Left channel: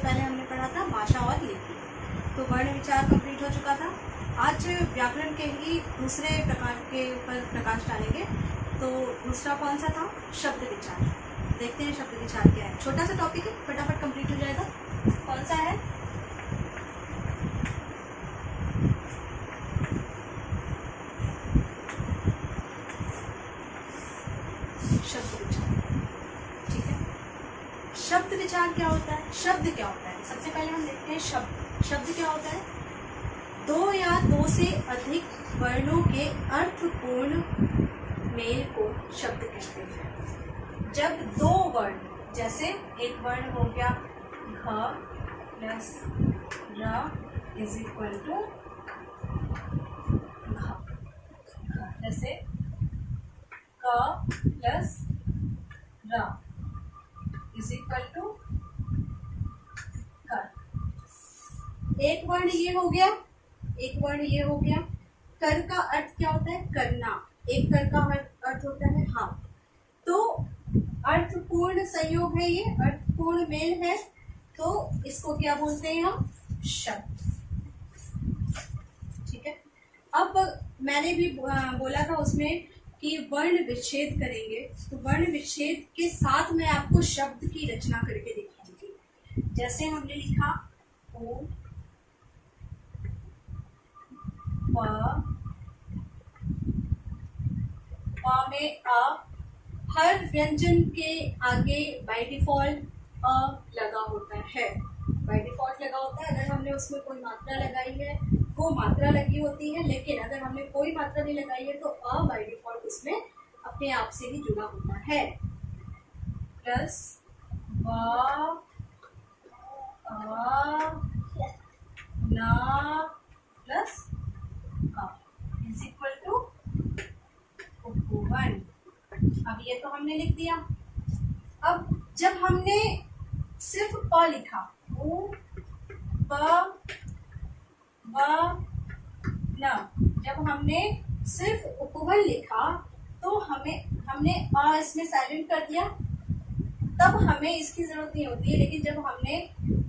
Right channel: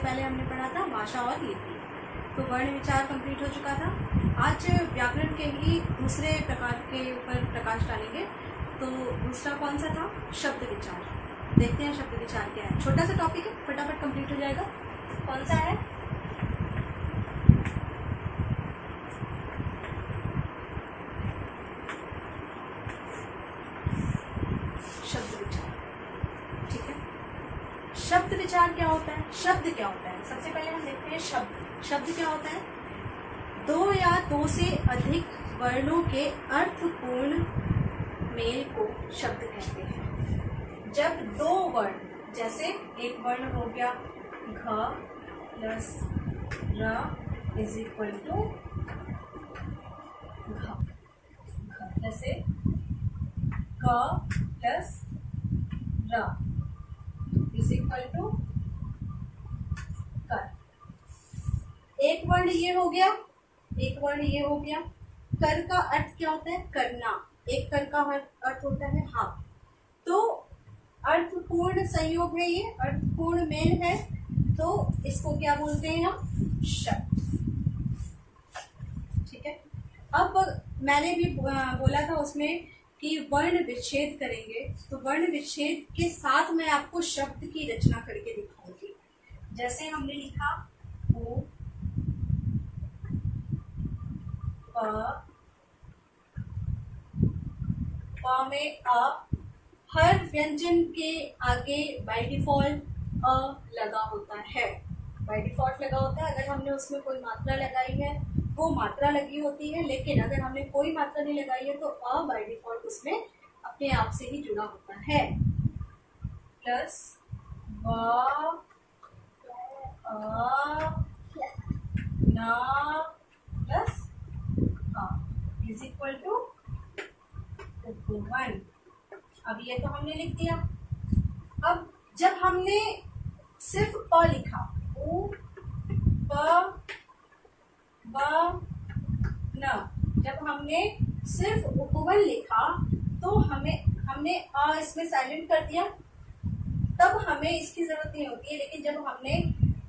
पहले हमने पढ़ा था भाषा और लिपि, तो वर्ण विचार कंप्लीट हो चुका था। आज व्याकरण के ही दूसरे प्रकार के ऊपर प्रकाश डालेंगे। तो दूसरा कौन सा था? शब्द विचार। देखते हैं शब्द विचार क्या है। छोटा सा टॉपिक है, फटाफट कंप्लीट हो जाएगा। कौन सा है? शब्द विचार। ठीक है, शब्द विचार क्या होता है? शब्द क्या होता है? सबसे पहले हम देखते हैं शब्द। शब्द क्या होता है? दो या दो से अधिक वर्णों के अर्थपूर्ण मेल को शब्द कहते हैं। जब दो वर्ण, जैसे एक वर्ण हो गया घ प्लस र इज इक्वल टू घ, जैसे क प्लस र इज इक्वल टू कर। एक वर्ण ये हो गया, एक वर्ण ये हो गया। कर का अर्थ क्या होता है? करना। एक कर का अर्थ होता है हाँ। तो अर्थपूर्ण संयोग है, ये अर्थपूर्ण मेल है, तो इसको क्या बोलते हैं हम? शब्द। ठीक है, अब मैंने भी बोला था उसमें कि वर्ण विच्छेद करेंगे, तो वर्ण विच्छेद के साथ मैं आपको शब्द की रचना करके दिखाऊंगी। जैसे हमने लिखा ओ प में अ, हर व्यंजन के आगे बाय डिफॉल्ट अ लगा होता है। बाय डिफॉल्ट लगा होता है। अगर हमने उसमें कोई मात्रा लगाई है वो मात्रा लगी होती है, लेकिन अगर हमने कोई मात्रा नहीं लगाई है तो अ बाय डिफॉल्ट उसमें अपने आप से ही जुड़ा होता है। प्लस व ना प्लस इज इक्वल टू उपवन। अब ये तो हमने लिख दिया। अब जब हमने सिर्फ प लिखा, उ प ब न, जब हमने सिर्फ उपवन लिखा तो हमने अ इसमें साइलेंट कर दिया, तब हमें इसकी जरूरत नहीं होती है। लेकिन जब हमने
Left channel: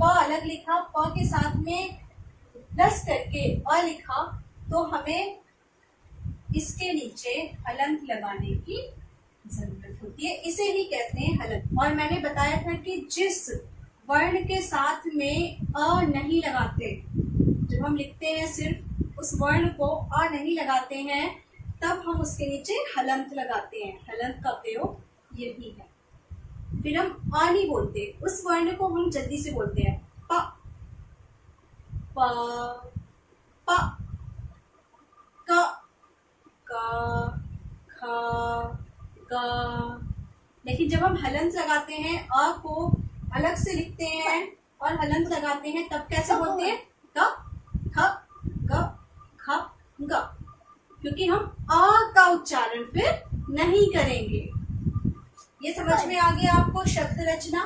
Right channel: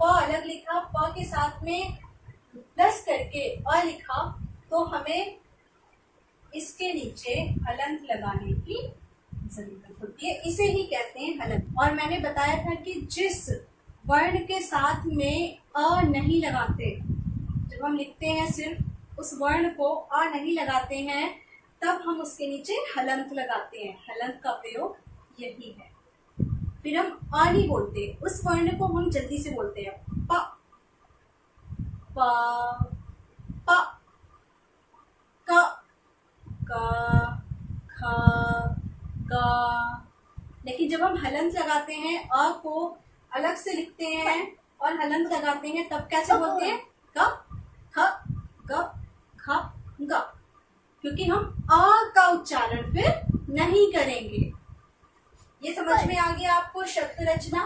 प अलग लिखा, प के साथ में प्लस करके अ लिखा, तो हमें इसके नीचे हलंत लगाने की जरूरत होती है। इसे ही कहते हैं हलंत। और मैंने बताया था कि जिस वर्ण के साथ में अ नहीं लगाते, जब हम लिखते हैं सिर्फ उस वर्ण को अ नहीं लगाते हैं, तब हम उसके नीचे हलंत लगाते हैं। हलंत का प्रयोग यही है। फिर हम अ नहीं बोलते, उस वर्ण को हम जल्दी से बोलते हैं प प प क क ख ग। लेकिन जब हम हलंत लगाते हैं, अ को अलग से लिखते हैं और हलंत लगाते हैं, तब कैसे बोलते हैं? क ख ग ख ग, क्योंकि हम अ का उच्चारण फिर नहीं करेंगे। ये समझ में आ गया आपको? शब्द रचना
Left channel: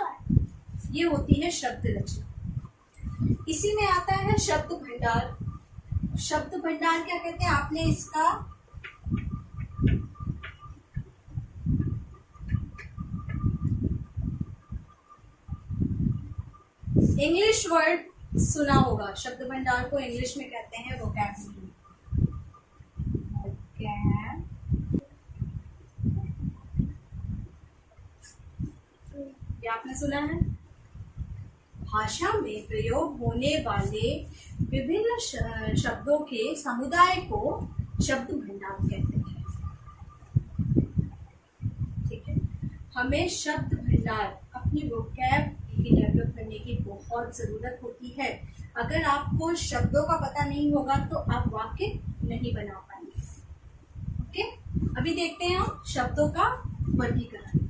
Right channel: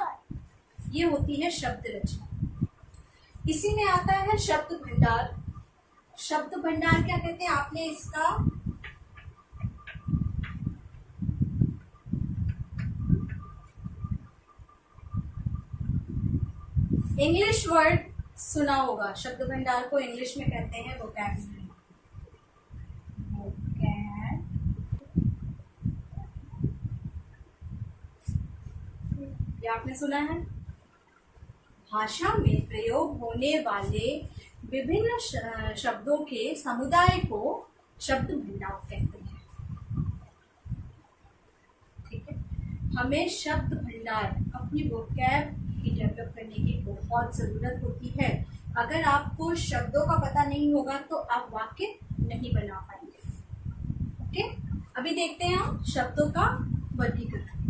ये होती है शब्द रचना। इसी में आता है शब्द भंडार। शब्द भंडार क्या कहते हैं? आपने इसका इंग्लिश वर्ड सुना होगा। शब्द भंडार को इंग्लिश में कहते हैं वोकैबुलरी। ये आपने सुना है। भाषा में प्रयोग होने वाले विभिन्न शब्दों के समुदाय को शब्द भंडार कहते हैं। ठीक है, हमें शब्द भंडार अपनी वोकैब की डेवलप करने की बहुत जरूरत होती है। अगर आपको शब्दों का पता नहीं होगा तो आप वाक्य नहीं बना पाएंगे। ओके, अभी देखते हैं हम शब्दों का वर्गीकरण।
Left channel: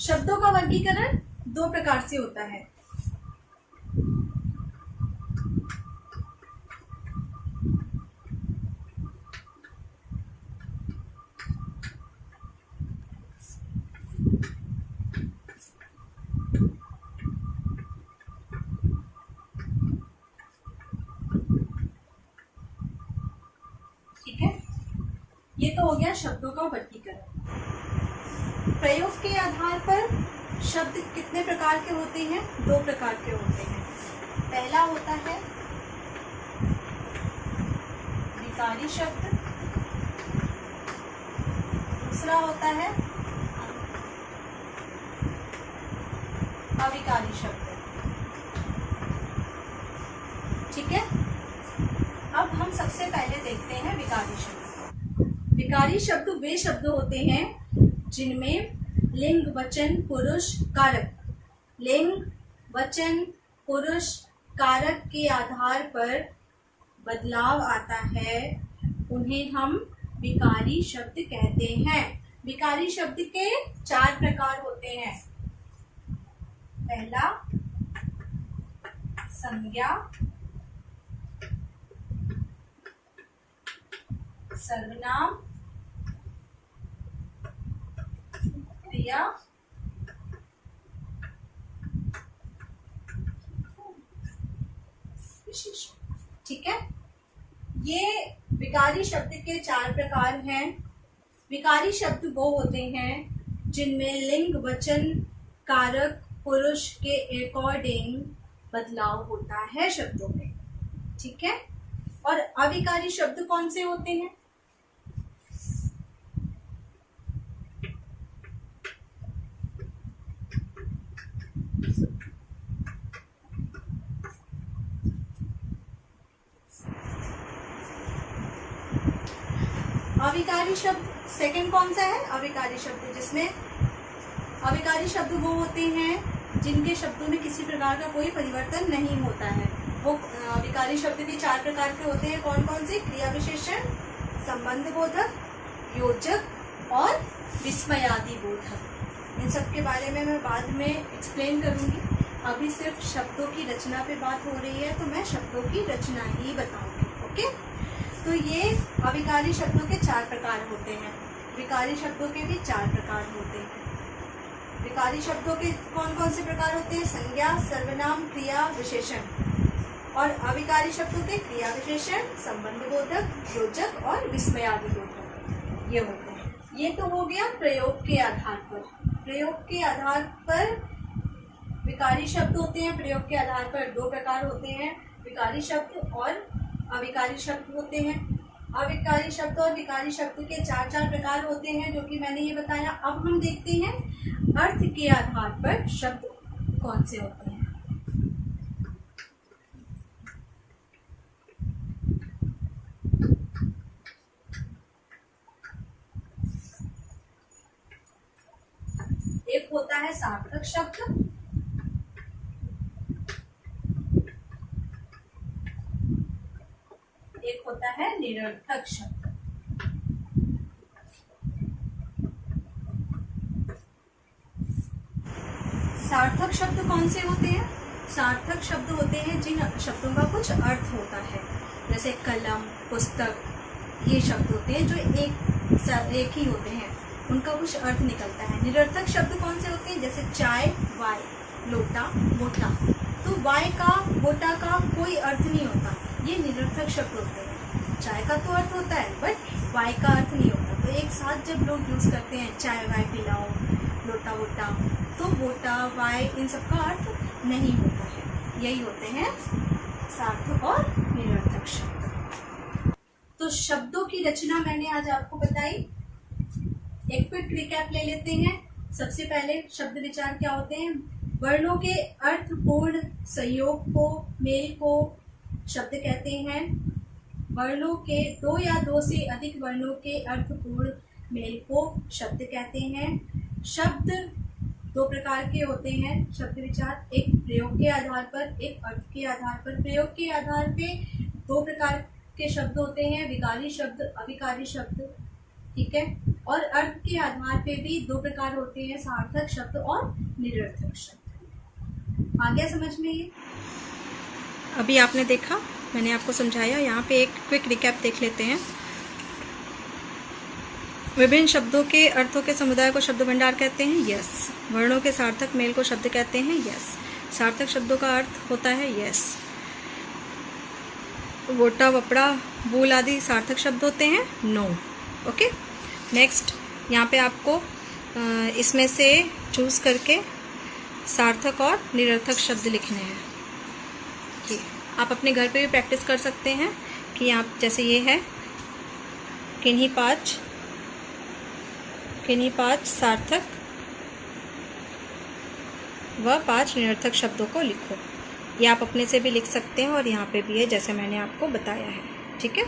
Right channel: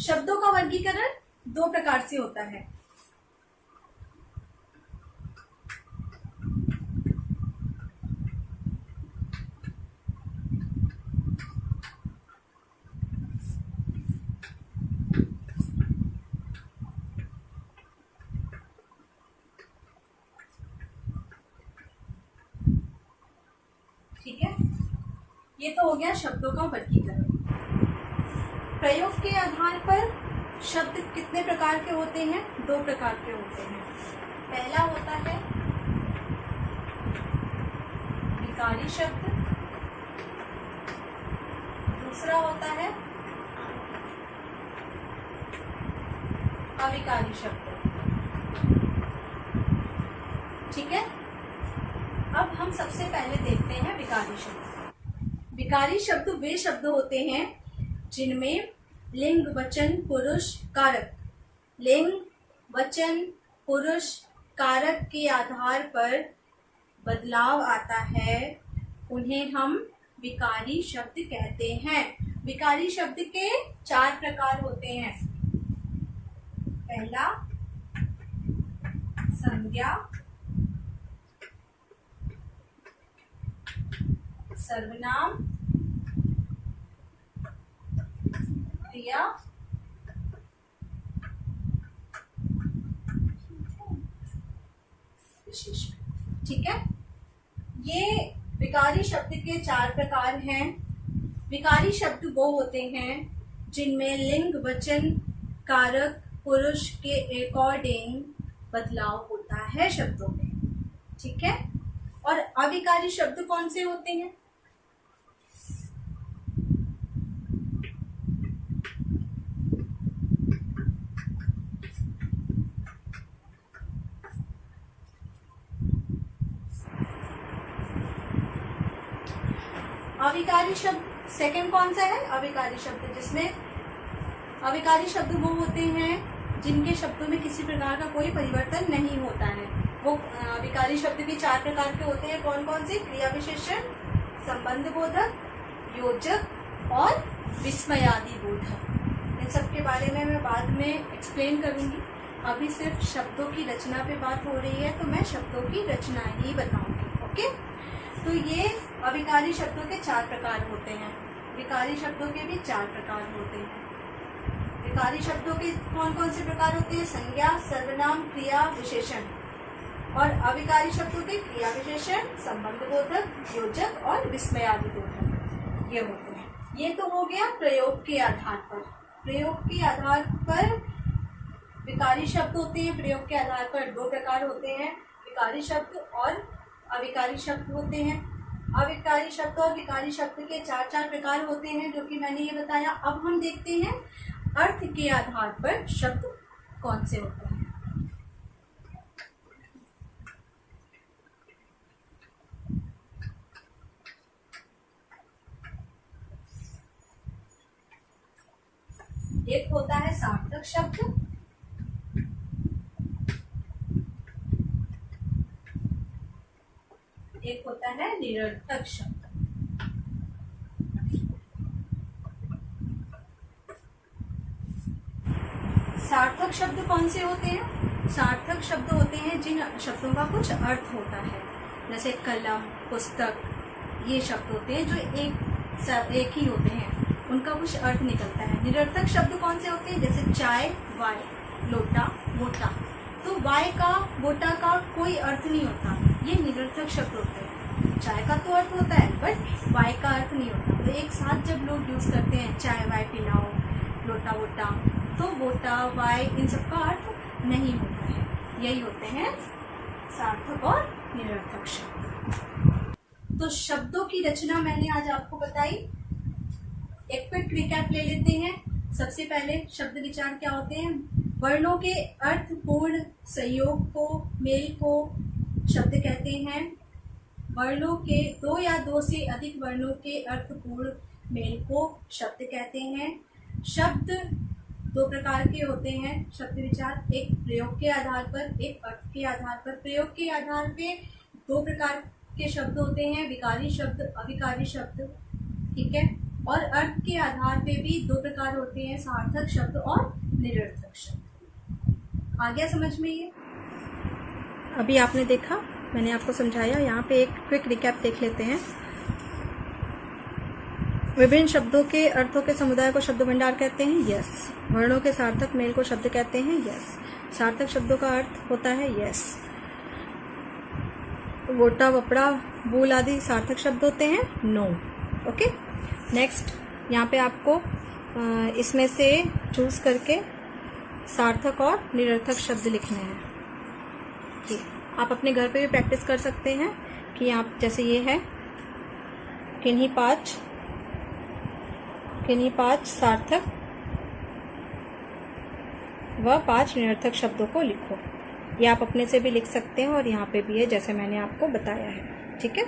शब्दों का वर्गीकरण दो प्रकार से होता है। ठीक है, ये तो हो गया शब्दों का वर्गीकरण। प्रयोग के आधार पर शब्द कितने प्रकार के होते हैं? 2 प्रकार के होते हैं। पहला होता है विकारी शब्द, दूसरा होता है अविकारी शब्द। ठीक है, अब हम सबसे पहले देखते हैं विकारी शब्द। विकारी शब्द वे शब्द होते हैं जिनमें लिंग, वचन, पुरुष, कारक, लिंग, वचन, पुरुष, कारक के आधार पर बदलाव आता है, उन्हें हम विकारी शब्द कहते हैं। विकारी शब्द के 4 प्रकार होते हैं। पहला संज्ञा, सर्वनाम, क्रिया, विशेषण। ठीक है, ये विकारी शब्द के 4 प्रकार हैं। विकारी शब्द वो होते हैं जिनमें लिंग, वचन, कारक, पुरुष के अकॉर्डिंग बदलाव होता है शब्दों में। ठीक है, और अविकारी शब्द कौन से होते हैं? अविकारी शब्द सेकंड कौन सा है? अविकारी शब्द, जिसमें अविकारी शब्द वो होते हैं जिनके शब्दों में किसी प्रकार का कोई परिवर्तन नहीं होता है। वो अविकारी शब्द भी 4 प्रकार के होते हैं। कौन कौन से? क्रिया विशेषण, संबंध बोधक, योजक और विस्मयादि बोधक। इन सब के बारे में मैं बाद में एक्सप्लेन करूंगी। अभी सिर्फ शब्दों की रचना पे बात हो रही है, तो मैं शब्दों की रचना ही बताऊंगी। ओके, तो ये अविकारी शब्दों के 4 प्रकार होते हैं। विकारी शब्दों के भी 4 प्रकार होते हैं। विकारी शब्दों के कौन कौन से प्रकार होते हैं? संज्ञा, सर्वनाम, क्रिया, विशेषण। और अविकारी शब्दों के क्रिया विशेषण, संबंध बोधक, योजक और विस्मयादि बोधक, ये होते हैं। ये तो हो गया प्रयोग के आधार पर। प्रयोग के आधार पर विकारी शब्द होते हैं। प्रयोग के आधार पर 2 प्रकार होते हैं, विकारी शब्द और अविकारी शब्द होते हैं। अविकारी शब्द और विकारी शब्द के 4 प्रकार होते हैं, जो कि मैंने ये बताया। अब हम देखते हैं अर्थ के आधार पर शब्द कौन से होते हैं। एक होता है सार्थक शब्द, एक होता है निरर्थक शब्द। सार्थक शब्द कौन से होते हैं? सार्थक शब्द होते हैं जिन शब्दों का कुछ अर्थ होता है, जैसे कलम, पुस्तक, ये शब्द होते हैं जो एक ही होते हैं, उनका कुछ अर्थ निकलता है। निरर्थक शब्द कौन से होते हैं? जैसे चाय, वाय, लोटा, बोटा। तो वाय का, बोटा का कोई अर्थ नहीं होता, ये निरर्थक शब्द होते हैं। चाय का तो अर्थ होता है, बट वाय का अर्थ नहीं होता। तो एक साथ जब लोग यूज करते हैं चाय वाय पिलाओ, लोटा वोटा, तो वोटा वाय इन सब का अर्थ नहीं होता है। यही होते हैं सार्थक और निरर्थक शब्द। तो शब्दों की रचना मैंने आज आपको बताई। एक क्विक रिकैप ले लेते हैं। सबसे पहले शब्द विचार क्या होते हैं? वर्णों के अर्थपूर्ण सहयोग को, मेल को शब्द कहते हैं। वर्णों के 2 या 2 से अधिक वर्णों के अर्थपूर्ण मेल को शब्द कहते हैं। शब्द 2 प्रकार के होते हैं शब्द विचार, एक प्रयोग के आधार पर, एक अर्थ के आधार पर। प्रयोग के आधार पे 2 प्रकार के शब्द होते हैं, विकारी शब्द, अविकारी शब्द। ठीक है, और अर्थ के आधार पे भी 2 प्रकार होते हैं, सार्थक शब्द और निरर्थक शब्द। आ गया समझ में ये? अभी आपने देखा, मैंने आपको समझाया। यहाँ पे एक क्विक रिकैप देख लेते हैं। विभिन्न शब्दों के अर्थों के समुदाय को शब्द भंडार कहते हैं, यस। वर्णों के सार्थक मेल को शब्द कहते हैं, यस। सार्थक शब्दों का अर्थ होता है, यस। वोटा, वपड़ा, बूल आदि सार्थक शब्द होते हैं? नो। ओके, नेक्स्ट यहाँ पे आपको इसमें से चूज़ करके सार्थक और निरर्थक शब्द लिखने हैं। ये आप अपने घर पे भी प्रैक्टिस कर सकते हैं कि आप जैसे ये है किन्हीं पाँच सार्थक व 5 निरर्थक शब्दों को लिखो। ये आप अपने से भी लिख सकते हैं और यहाँ पे भी है जैसे मैंने आपको बताया है। ठीक है।